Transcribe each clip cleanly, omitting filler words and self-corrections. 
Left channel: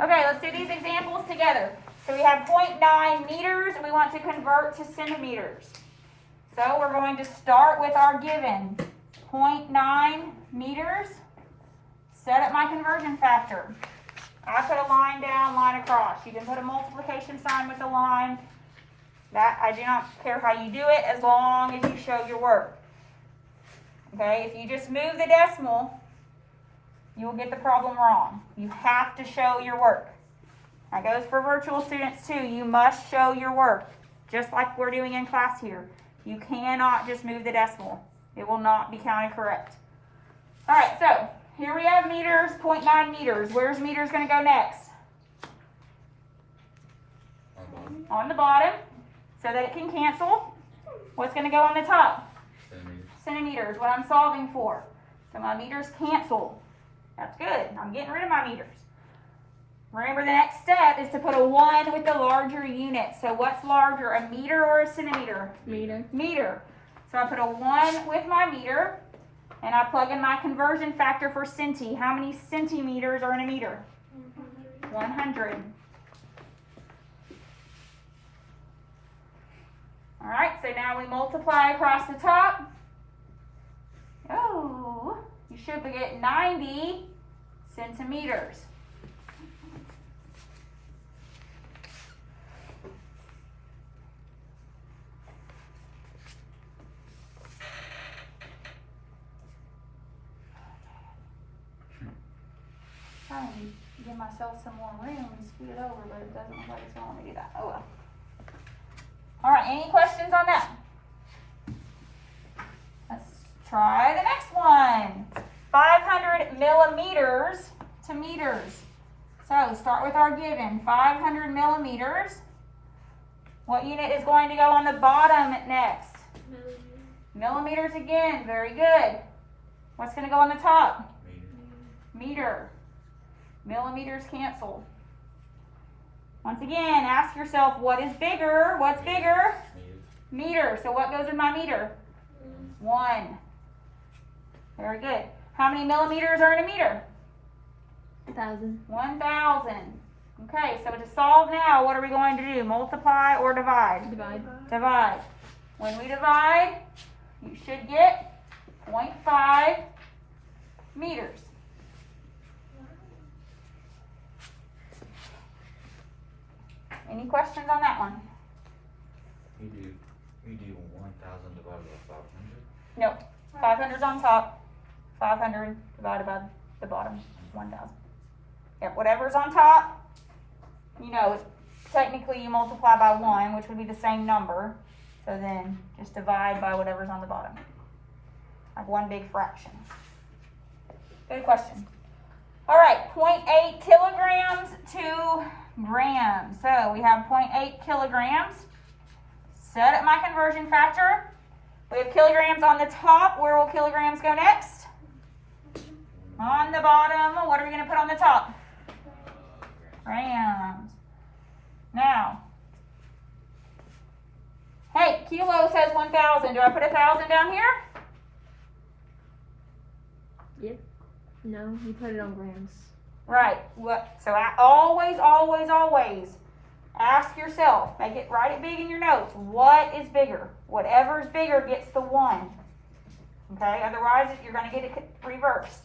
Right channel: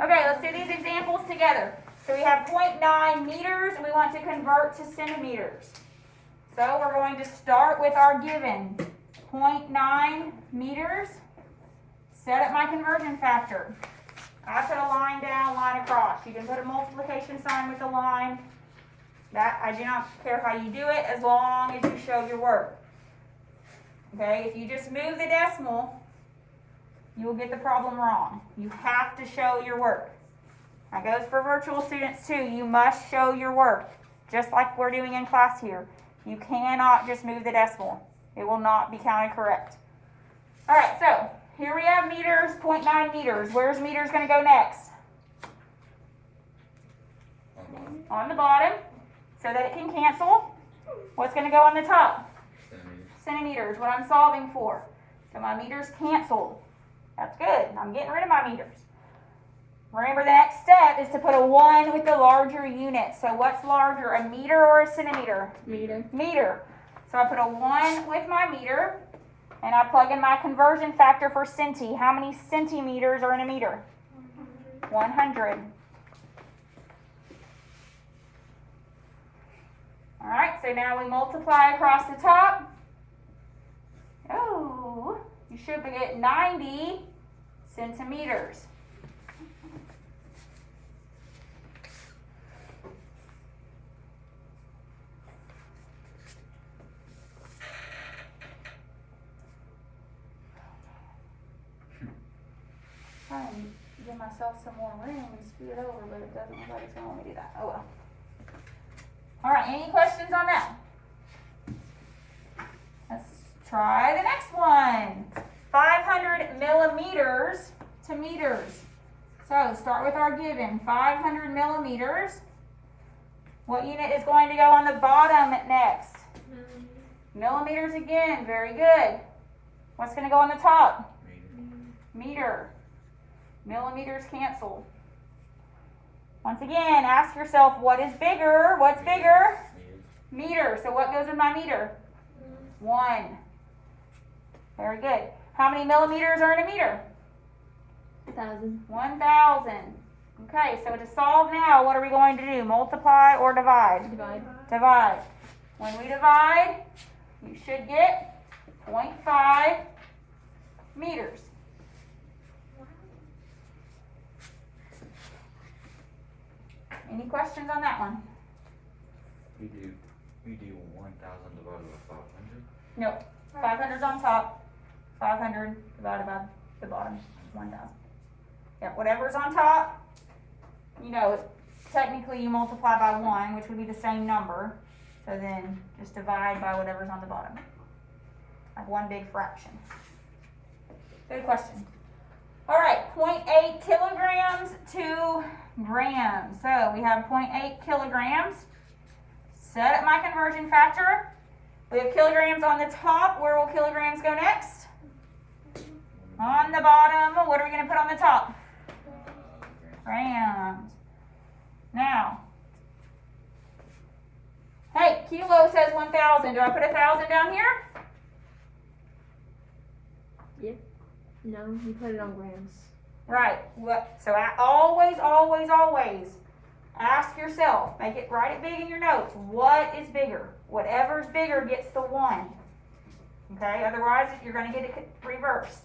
Okay, let's do these examples together. So we have 0.9 meters, we want to convert to centimeters. So we're going to start with our given, 0.9 meters. Set up my conversion factor. I put a line down, line across. You can put a multiplication sign with a line. That, I do not care how you do it as long as you show your work. Okay, if you just move the decimal, you will get the problem wrong. You have to show your work. That goes for virtual students too. You must show your work, just like we're doing in class here. You cannot just move the decimal. It will not be counted correct. All right, so here we have meters, 0.9 meters. Where's meters going to go next? On the bottom, so that it can cancel. What's going to go on the top? Centimeters, what I'm solving for. So my meters cancel. That's good. I'm getting rid of my meters. Remember, the next step is to put a 1 with the larger unit. So what's larger, a meter or a centimeter? Meter. Meter. So I put a 1 with my meter, and I plug in my conversion factor for centi. How many centimeters are in a meter? 100. All right, so now we multiply across the top. Oh, you should get 90 centimeters. Trying to give myself some more room and scoot it over, but it doesn't look like it's going to let me do that. Oh well. All right, any questions on that? Let's try the next one. 500 millimeters to meters. So start with our given, 500 millimeters. What unit is going to go on the bottom next? Millimeters again, very good. What's going to go on the top? Meter. Millimeters cancel. Once again, ask yourself, what is bigger? What's bigger? Meter. So what goes in my meter? 1. Very good. How many millimeters are in a meter? 1,000. 1,000. Okay, so to solve now, what are we going to do? Multiply or divide? Divide. Divide. When we divide, you should get 0.5 meters. Any questions on that one? You do 1,000 divided by 500? Nope. 500's on top. 500 divided by the bottom. 1,000. Yep, whatever's on top, you know, technically you multiply by 1, which would be the same number. So then just divide by whatever's on the bottom. Like one big fraction. Good question. All right, 0.8 kilograms to grams. So we have 0.8 kilograms. Set up my conversion factor. We have kilograms on the top. Where will kilograms go next? On the bottom. What are we going to put on the top? Grams. Now, hey, kilo says 1,000. Do I put 1,000 down here? Yep. No, you put it on grams. Right. What? So always, always, always ask yourself, write it big in your notes. What is bigger? Whatever's bigger gets the 1. Okay? Otherwise, you're going to get it reversed.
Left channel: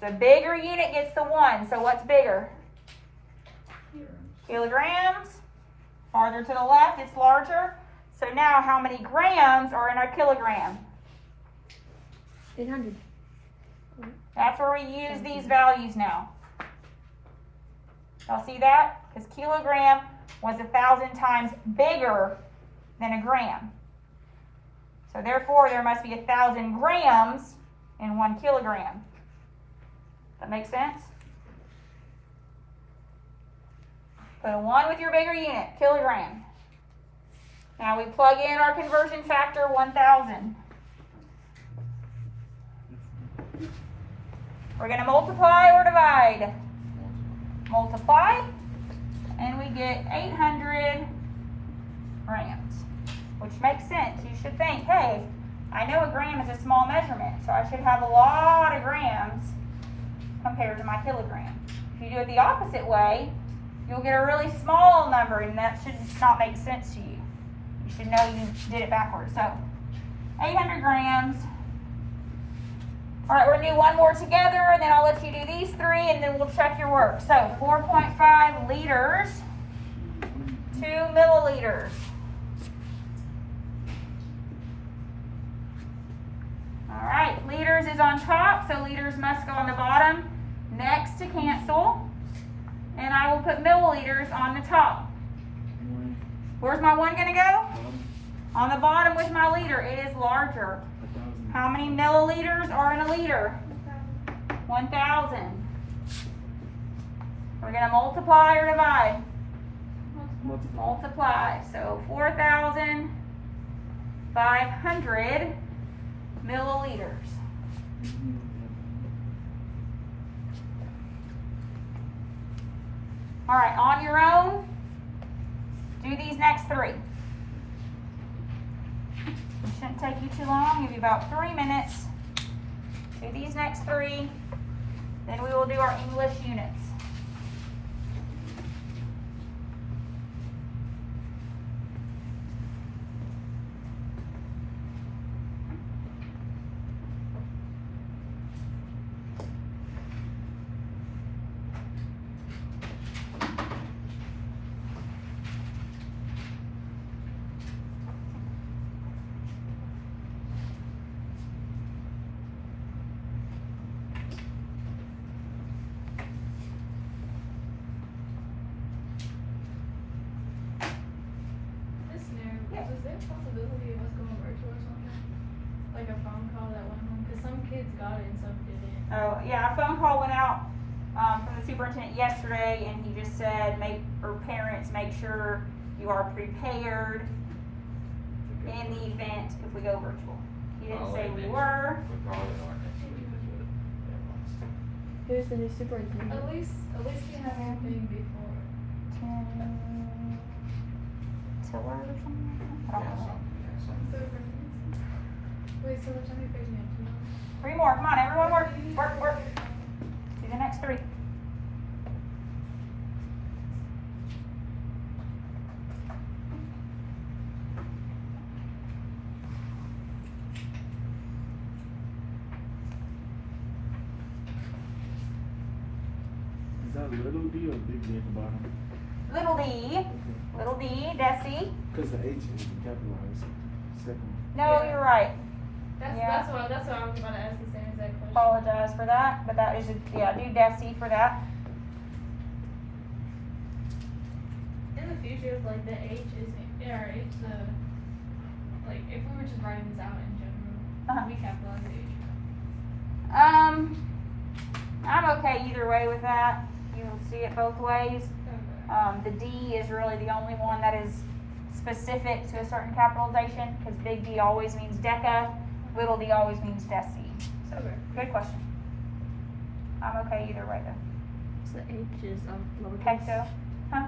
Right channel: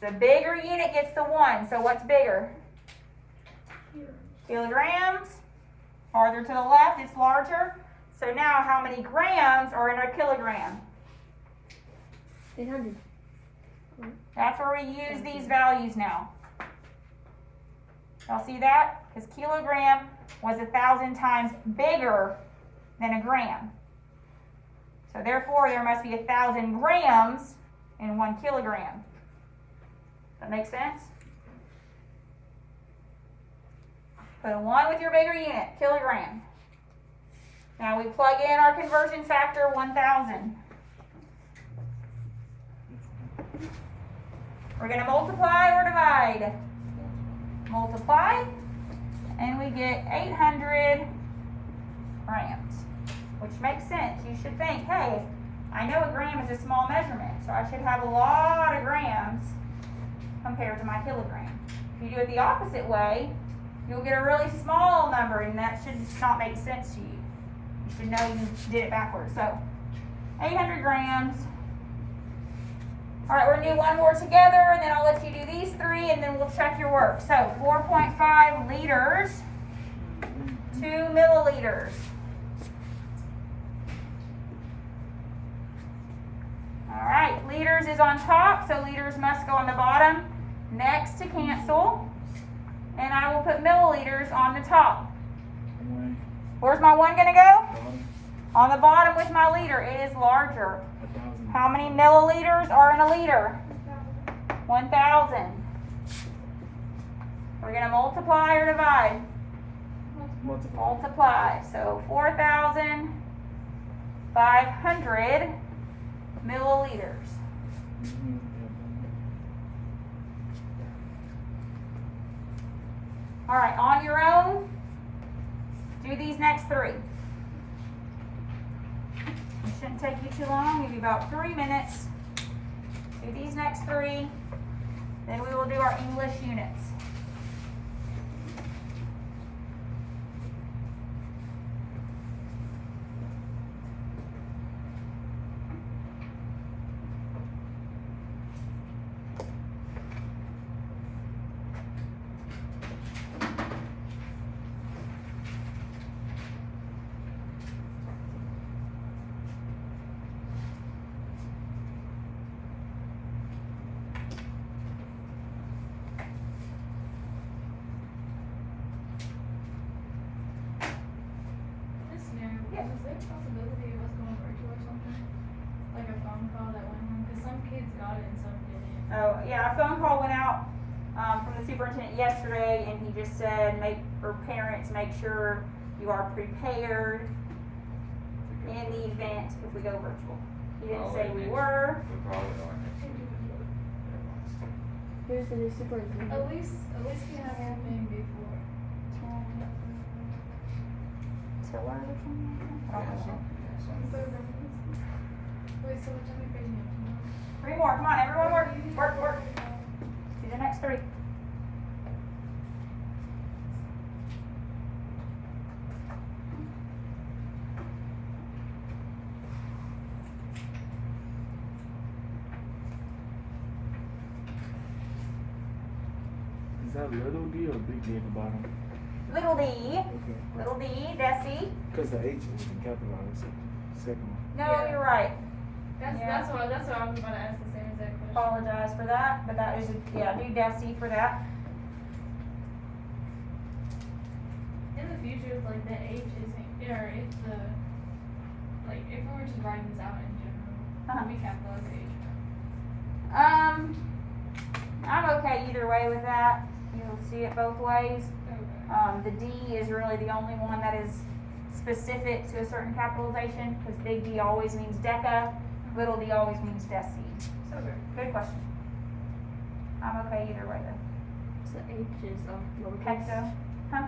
So the bigger unit gets the 1. So what's bigger? Kilograms. Farther to the left, it's larger. So now how many grams are in a kilogram? 800. That's where we use these values now. Y'all see that? Because kilogram was 1,000 times bigger than a gram. So therefore, there must be 1,000 grams in 1 kilogram. That makes sense? Put a 1 with your bigger unit, kilogram. Now we plug in our conversion factor, 1,000. We're going to multiply or divide. Multiply, and we get 800 grams, which makes sense. You should think, hey, I know a gram is a small measurement, so I should have a lot of grams compared to my kilogram. If you do it the opposite way, you'll get a really small number, and that should not make sense to you. You should know you did it backwards. So 800 grams. All right, we're gonna do one more together, and then I'll let you do these three, and then we'll check your work. So 4.5 liters, 2 milliliters. All right, liters is on top, so liters must go on the bottom next to cancel. And I will put milliliters on the top. Where's my one gonna go? On the bottom with my liter. It is larger. How many milliliters are in a liter? 1,000. We're gonna multiply or divide? Multiply. So 4,500 milliliters. All right, on your own, do these next three. It shouldn't take you too long, give you about 3 minutes. Do these next three, then we will do our English units. Is there a possibility of us going virtual or something? Like a phone call that went home? Because some kids got it and some didn't. Oh, yeah, a phone call went out from the superintendent yesterday, and he just said, parents, make sure you are prepared in the event if we go virtual. He didn't say we were. We probably are next week. Who's the new superintendent? At least we have happening before. Tiller or something? I don't know. Wait, so what time are you bringing it? 3 more, come on, everyone work. Do the next 3. Is that little D or big D at the bottom? Little d, Okay. little d, deci. Because the H is capitalized. Second one. No, you're right. That's Yeah. that's what I was about to ask the same exact question. Apologize for that, but that is, do deci for that. In the future, like the H isn't, or if the, like if we were just writing this out in general, Uh-huh. we capitalize the H. I'm okay either way with that. You'll see it both ways. Okay. The D is really the only one that is specific to a certain capitalization, because big D always means deca, little d always means deci. So, Okay. good question. I'm okay either way though. So the H is lowercase. Hecto, huh?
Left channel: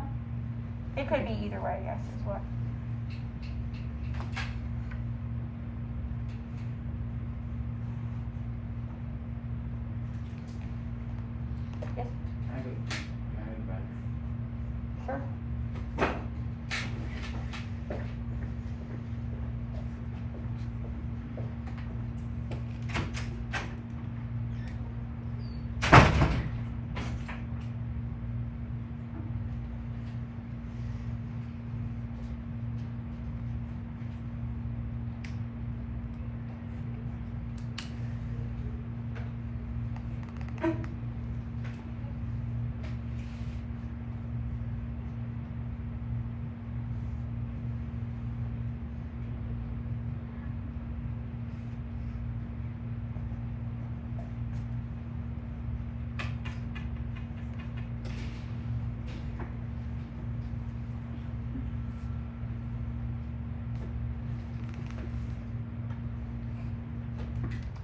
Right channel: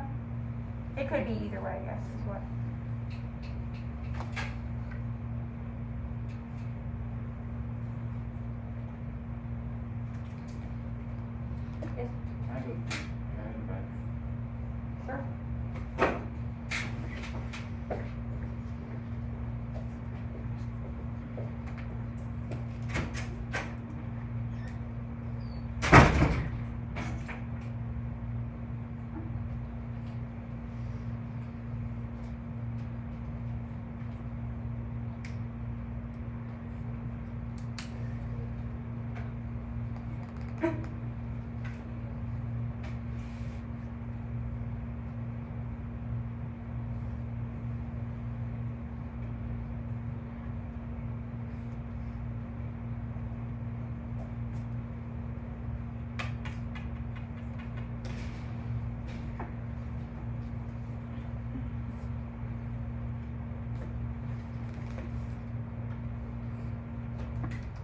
It could be either way, yes, is what. Yes, I have it. I have it back. sure.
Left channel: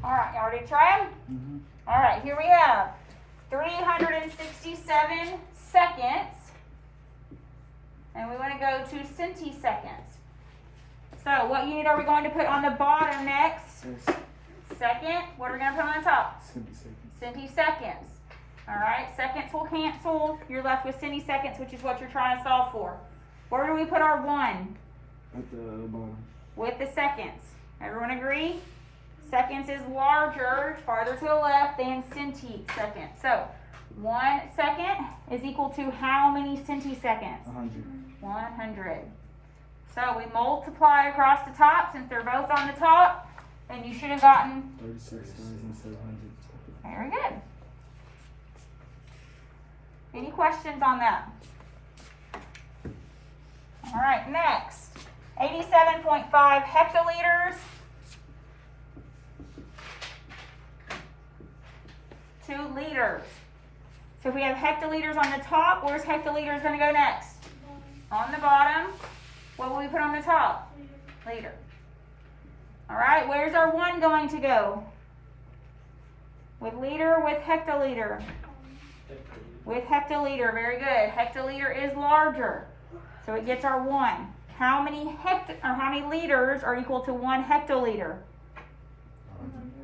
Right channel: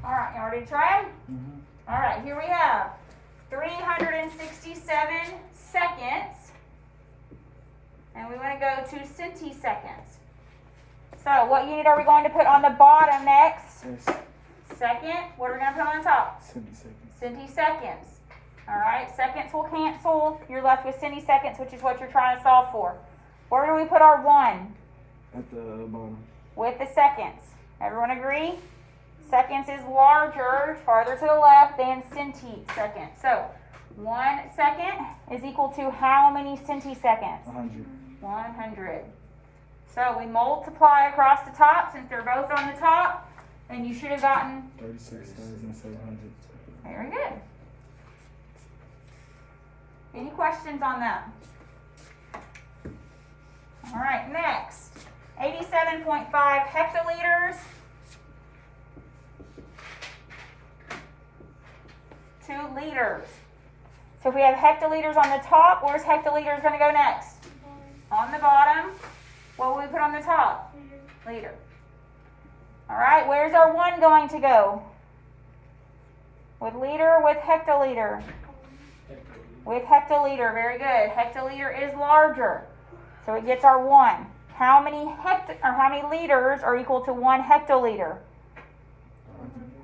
All right, y'all ready to try them? Mm-hmm. All right, here we have 367 seconds, and we want to go to centiseconds. So what unit are we going to put on the bottom next? Yes. Second. What are we going to put on the top? Centiseconds. Centiseconds. Alright, seconds will cancel. You're left with centiseconds, which is what you're trying to solve for. Where do we put our 1? At the bottom. With the seconds. Everyone agree? Seconds is larger, farther to the left than centiseconds. So, 1 second is equal to how many centiseconds? 100. 100. So we multiply across the top, since they're both on the top, then you should have gotten, 36,700. very good. Any questions on that? All right, next, 87.5 hectoliters to liters. So if we have hectoliters on the top, where's hectoliters going to go next? On the bottom. What will we put on the top? Liter. All right, where's our 1 going to go? With liter, with hectoliter? With hectoliter, very good. Hectoliter is larger, so it gets our 1. How many liters are equal to 1 hectoliter?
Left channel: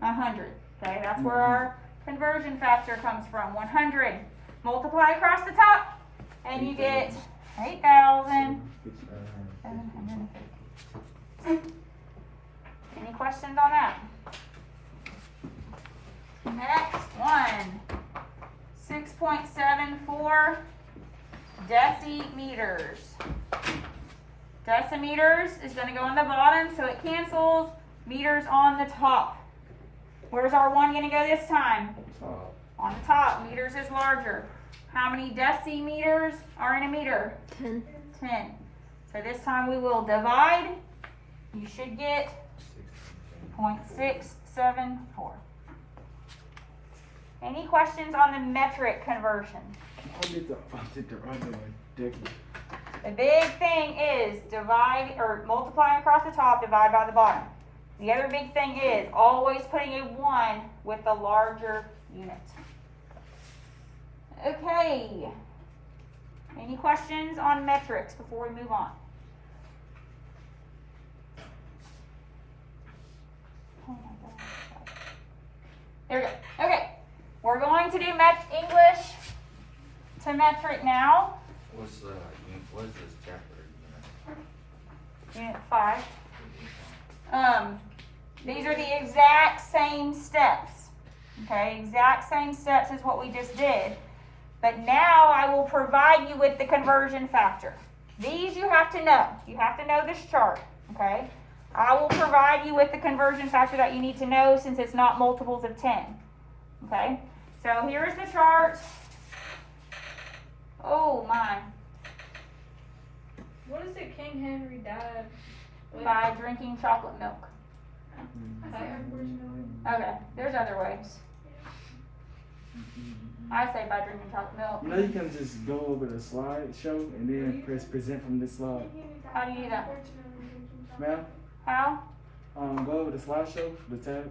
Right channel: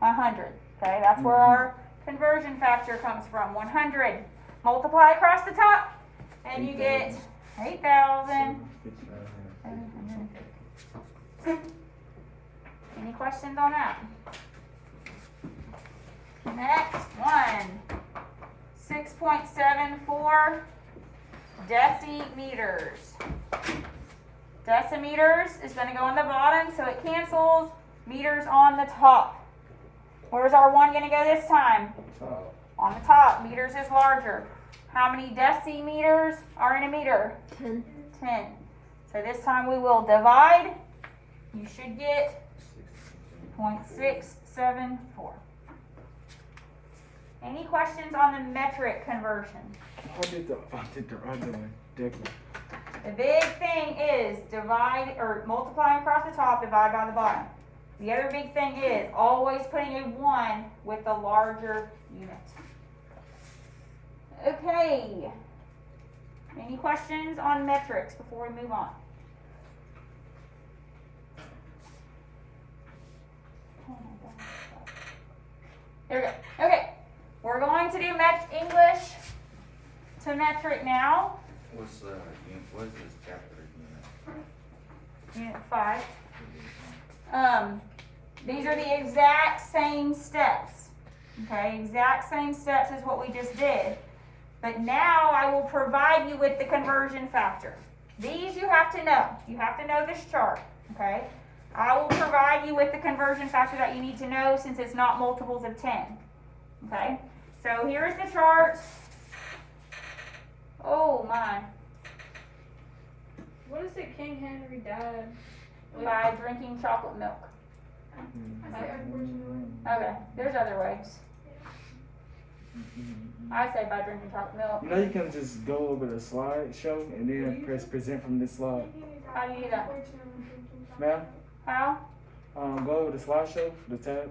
100. Okay, that's where our conversion factor comes from. 100. Multiply across the top, and you get 8,750. Any questions on that? Next one. 6.74 decimeters. Decimeters is going to go on the bottom, so it cancels. Meters on the top. Where's our 1 going to go this time? On the top. Meters is larger. How many decimeters are in a meter? 10. So this time we will divide. You should get 0.674. Any questions on the metric conversion? I did the other one. Different. The big thing is divide or multiplying across the top, divide by the bottom. The other big thing is always putting a 1 with the larger unit. Okay. Any questions on metrics before we move on? There we go. Okay. We're going to do English to metric now. What's this chapter Unit 5. These are the exact same steps. Okay, exact same steps as what we just did. But now I will provide you with the conversion factor. These you have to know. You have to know this chart. Okay, I will provide you with the conversion factor that you need to know since it's not multiples of 10. Okay, so here's the chart. Oh my. What is it King Henry died? By drinking chocolate milk. Okay, there's other ways. I say by drinking chocolate milk. You know, you can just go over the slideshow and then press present from this slide. How do you do that? Ma'am, How? go over the slideshow, the tab,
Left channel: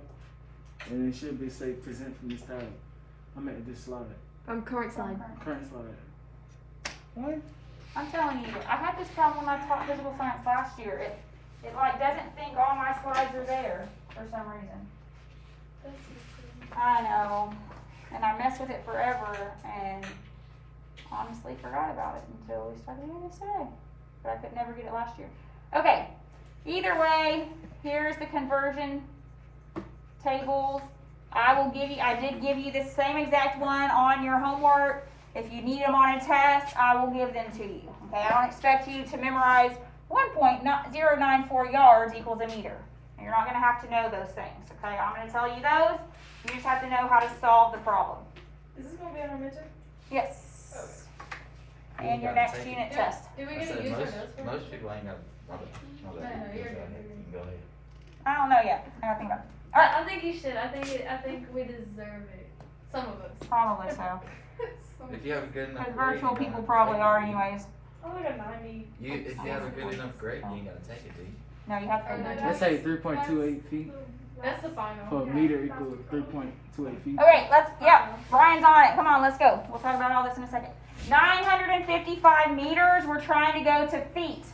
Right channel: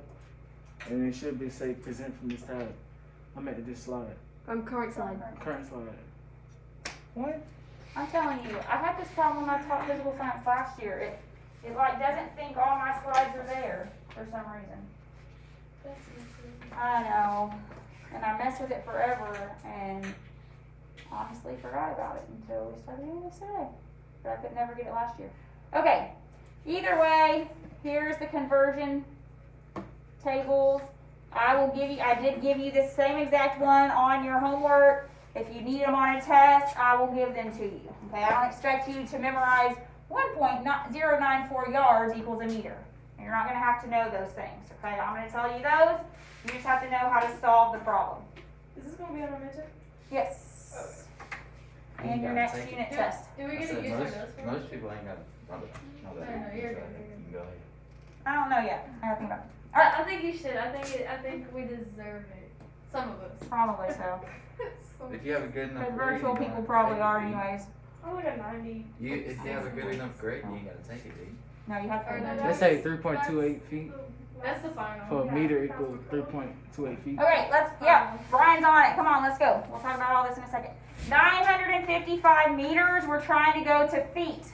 and it should be say present from this tab. I'm at this slide. Current slide. Current slide. What? I'm telling you, I had this problem when I taught physical science last year. It like doesn't think all my slides are there for some reason. I know. And I messed with it forever and honestly forgot about it until we started doing this today. But I could never get it last year. Okay. Either way, here's the conversion tables. I did give you the same exact one on your homework. If you need them on a test, I will give them to you. Okay, I don't expect you to memorize 1.094 yards equals a meter. You're not going to have to know those things. Okay, I'm going to tell you those. You just have to know how to solve the problem. Is this gonna be on our midterm? Yes. You And your gotta next take it. unit test. Do we I get to said use our most, notes for most people ain't got probably know that. No, you're good. You can go ahead. I don't know yet. I have to think about it. I think you should. I think we deserve it. Some of us. Probably so. If you have a good enough But grade, virtual you people don't probably take are it, do you? anyways. I'm like a 90. If you have a good enough grade, you ain't gotta take it, do you? No, you have to. Or no, Let's say 3.28 feet. That's the final. For a meter equals 3.28 feet. Okay, Brian's on it. Come on, let's go. We'll talk about all this in a second. 955 meters, we're trying to go to feet.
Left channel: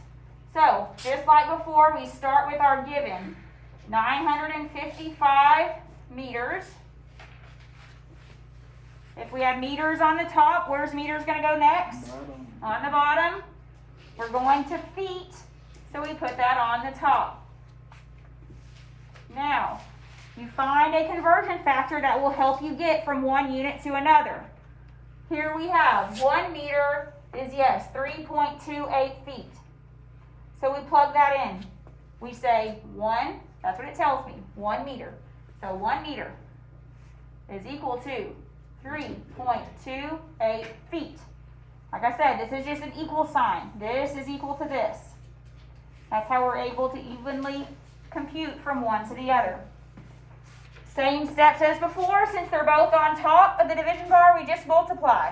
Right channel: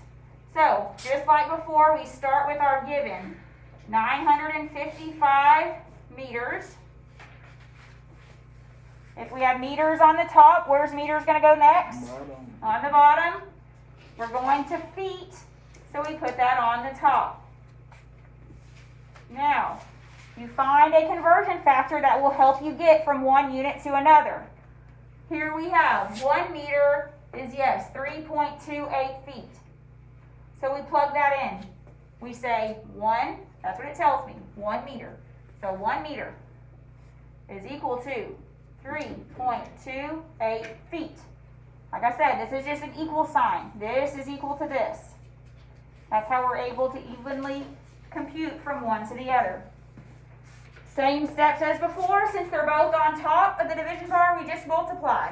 So, just like before, we start with our given. 955 meters If we have meters on the top, where's meters gonna go next? Bottom. On the bottom. We're going to feet, so we put that on the top. Now, you find a conversion factor that will help you get from one unit to another. Here we have 1 meter is, yes, 3.28 feet. So we plug that in. We say 1, that's what it tells me, 1 meter. So 1 meter is equal to 3.28 feet. Like I said, this is just an equal sign. This is equal to this. That's how we're able to evenly compute from one to the other. Same steps as before, since they're both on top of the division bar, we just multiply.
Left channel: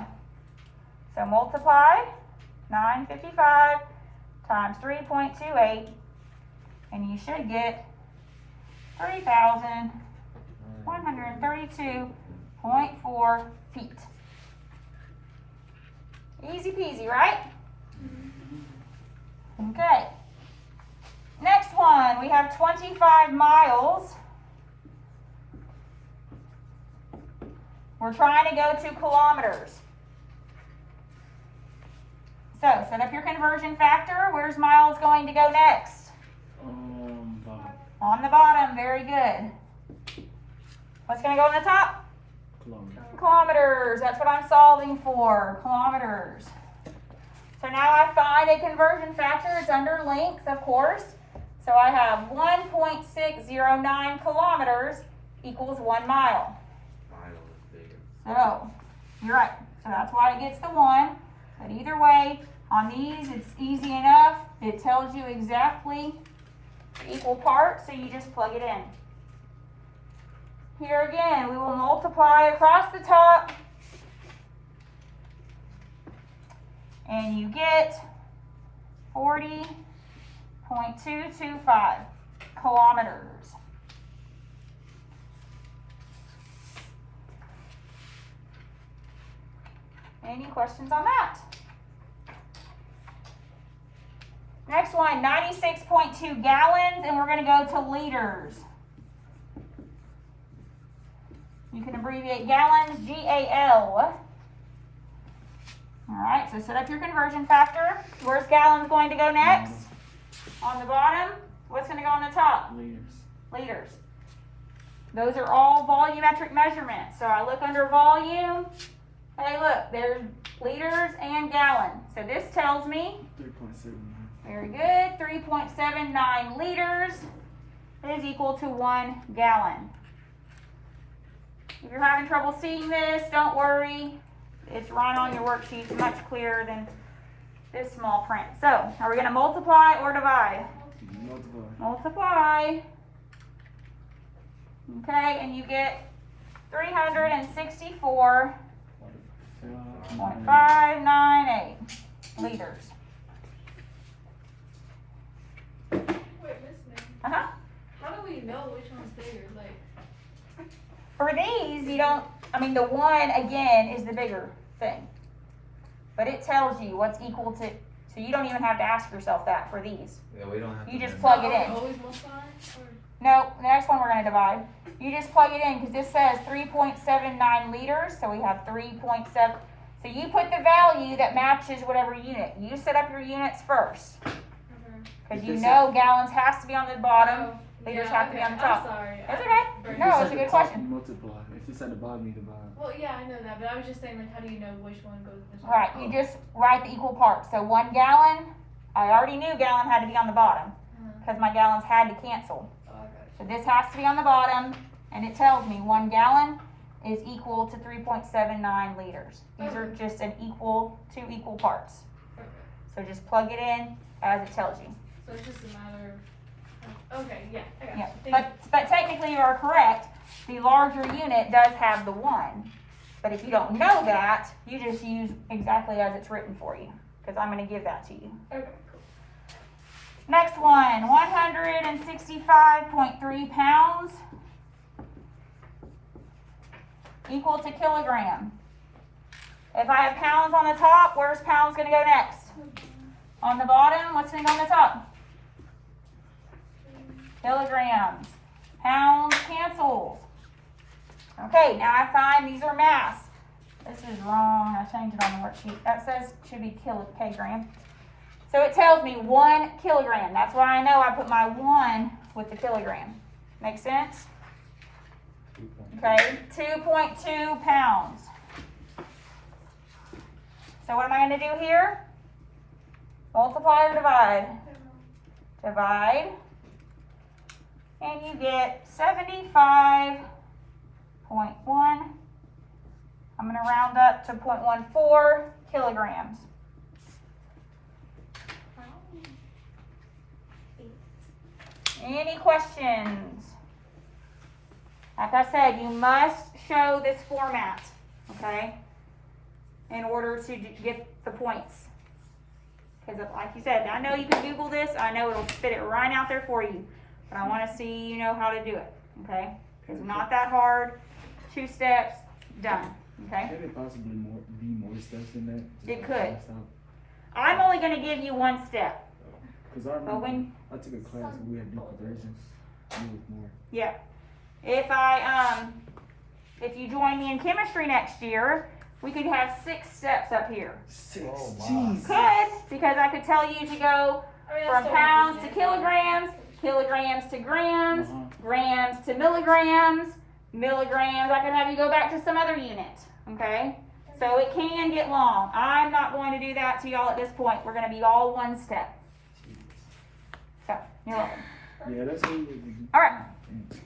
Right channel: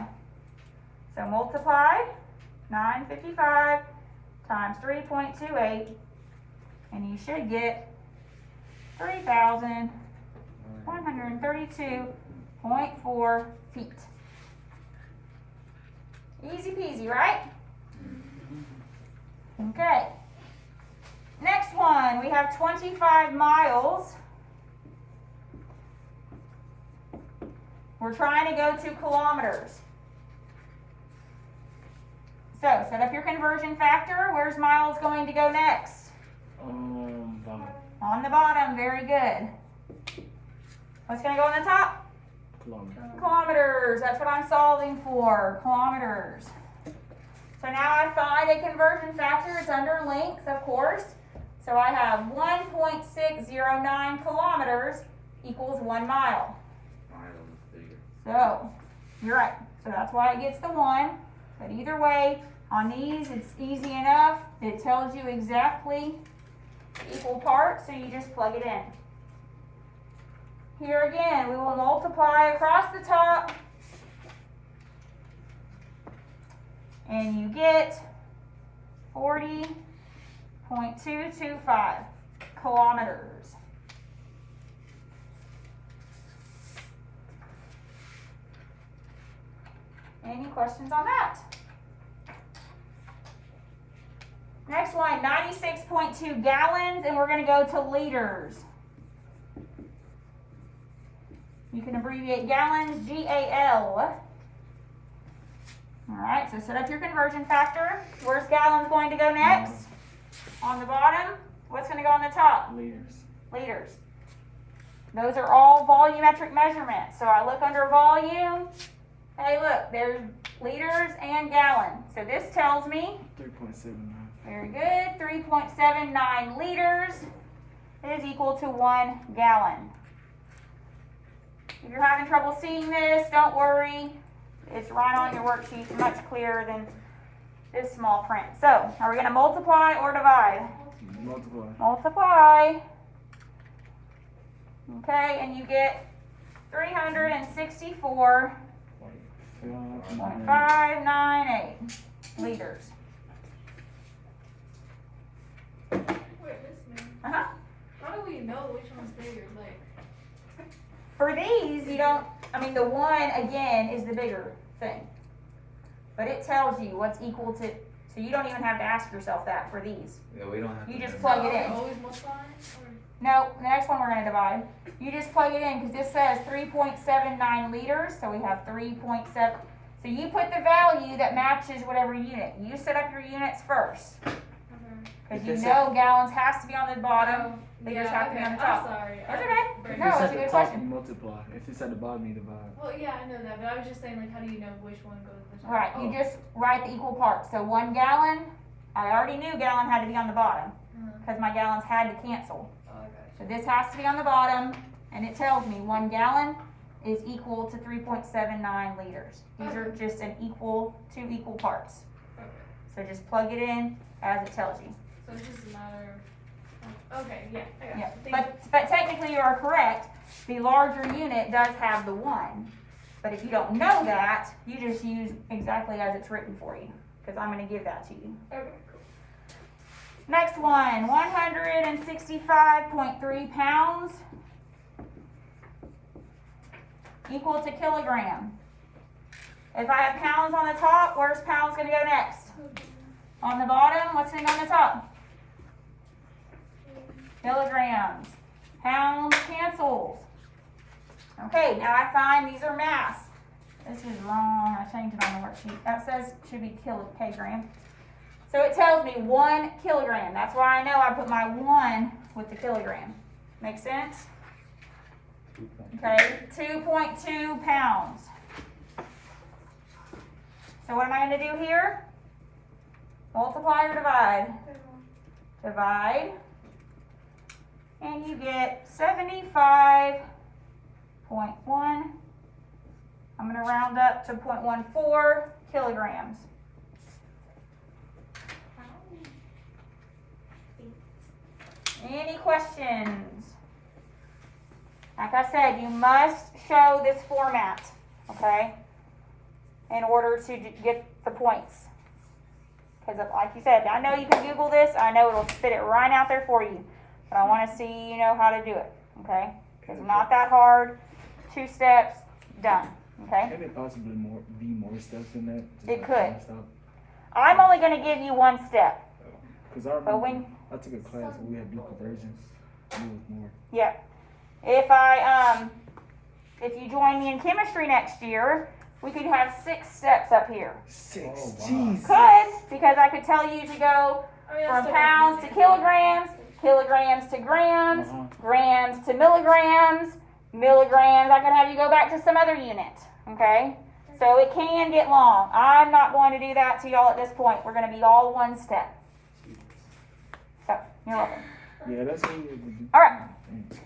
So multiply 955 times 3.28, and you should get 3,132.4 feet. Easy peasy, right? Okay. Next one, we have 25 miles. We're trying to go to kilometers. So, set up your conversion factor. Where's miles going to go next? Bottom. On the bottom, very good. What's going to go on the top? Kilometer. Kilometers, that's what I'm solving for, kilometers. So now I find a conversion factor, it's under length, of course. So I have 1.609 kilometers equals 1 mile. Mine was bigger. So, you're right, so that's why it gets the 1. But either way, on these, it's easy enough. It tells you exactly the equal parts, so you just plug it in. Here again, we will multiply across the top, and you get 40.225 kilometers. Any questions on that? Next one, 96.2 gallons, and we're going to go to liters. You can abbreviate gallons, G-A-L. All right, so set up your conversion factor. Where's gallons going to go next? On the bottom. What's going to go on the top? Liters. Liters. Those are all volumetric measurements. So I look under volume. Hey, look, there's liters and gallon. So this tells me, 3.7. very good, 3.79 liters is equal to 1 gallon. If you're having trouble seeing this, don't worry. It's right on your worksheet, much clearer than this small print. So, are we going to multiply or divide? Multiply. Multiply. Okay, and you get 364.598 liters. Wait, listen. Uh-huh. How do we know which one's bigger? Like, For these, you don't, I mean, the 1, again, is the bigger thing. But it tells you what's equal to, so you don't even have to ask yourself that for these. Yeah, we don't have You to. just do plug are it we in. always multiplying? No, the next one we're going to divide. You just plug it in because this says 3.79 liters, so we have 3.7. So you put the value that matches whatever unit. You set up your units first Okay. because If you it's know gallons has to be on the bottom. Oh, Liters yeah, have to be okay. on the top. I'm sorry. That's I- okay. very No, If it's at a the good top, question. you multiply. If it's at the bottom, you divide. Well, yeah, I know that, but I was just saying, like, how do you know which one goes to the top? Right, you just write the equal parts. So 1 gallon, I already knew gallon had to be on the bottom because my gallons had to cancel. Oh, okay. So this has to be on the bottom, and it tells me 1 gallon is equal to 3.79 liters. These are just two equal parts. Okay. So just plug it in as it tells you. So it's just a matter of, okay, yeah, I got Yeah, you. Thank but technically you are correct. The larger unit does have the 1. But if you don't know that, you just use exactly as it's written for you, because I'm going to give that to you. you. Okay, cool. Next one, 165.3 pounds equal to kilogram. If I have pounds on the top, where's pounds going to go next? On the bottom, what's going to go on the top? Kilograms. Pounds cancels. Okay, now I find these are mass. This is wrong. I changed it on the worksheet. That says should be kilogram. So it tells me 1 kilogram. That's why I know I put my 1 with the kilogram. Make sense? Okay, 2.2 pounds. So what am I going to do here? Multiply or divide? Divide. And you get 75.1. I'm going to round up to 0.14 kilograms. Any questions? Like I said, you must show this format, okay, in order to get the points. Because like you said, I know you can Google this. I know it'll spit it right out there for you. But I want to see you know how to do it, okay? It's not that hard. 2 steps, done, okay? Can it possibly be more steps in that? It could. I'm only going to give you 1 step. Because I But remember when, I took a class and we had to do conversions. It was more. yeah. If you join me in chemistry next year, we could have 6 steps up here. 6. Oh, wow. Jeez. Could, because I could tell you to go I mean, from that's pounds to still kilograms, kilograms to grams, grams to milligrams, milligrams. I could have you go back to some other unit, okay? So it can get long. I'm not going to do that to y'all at this point. We're going to be all 1 step. So, you're welcome. Yeah, that's what we would do. All right. Mm.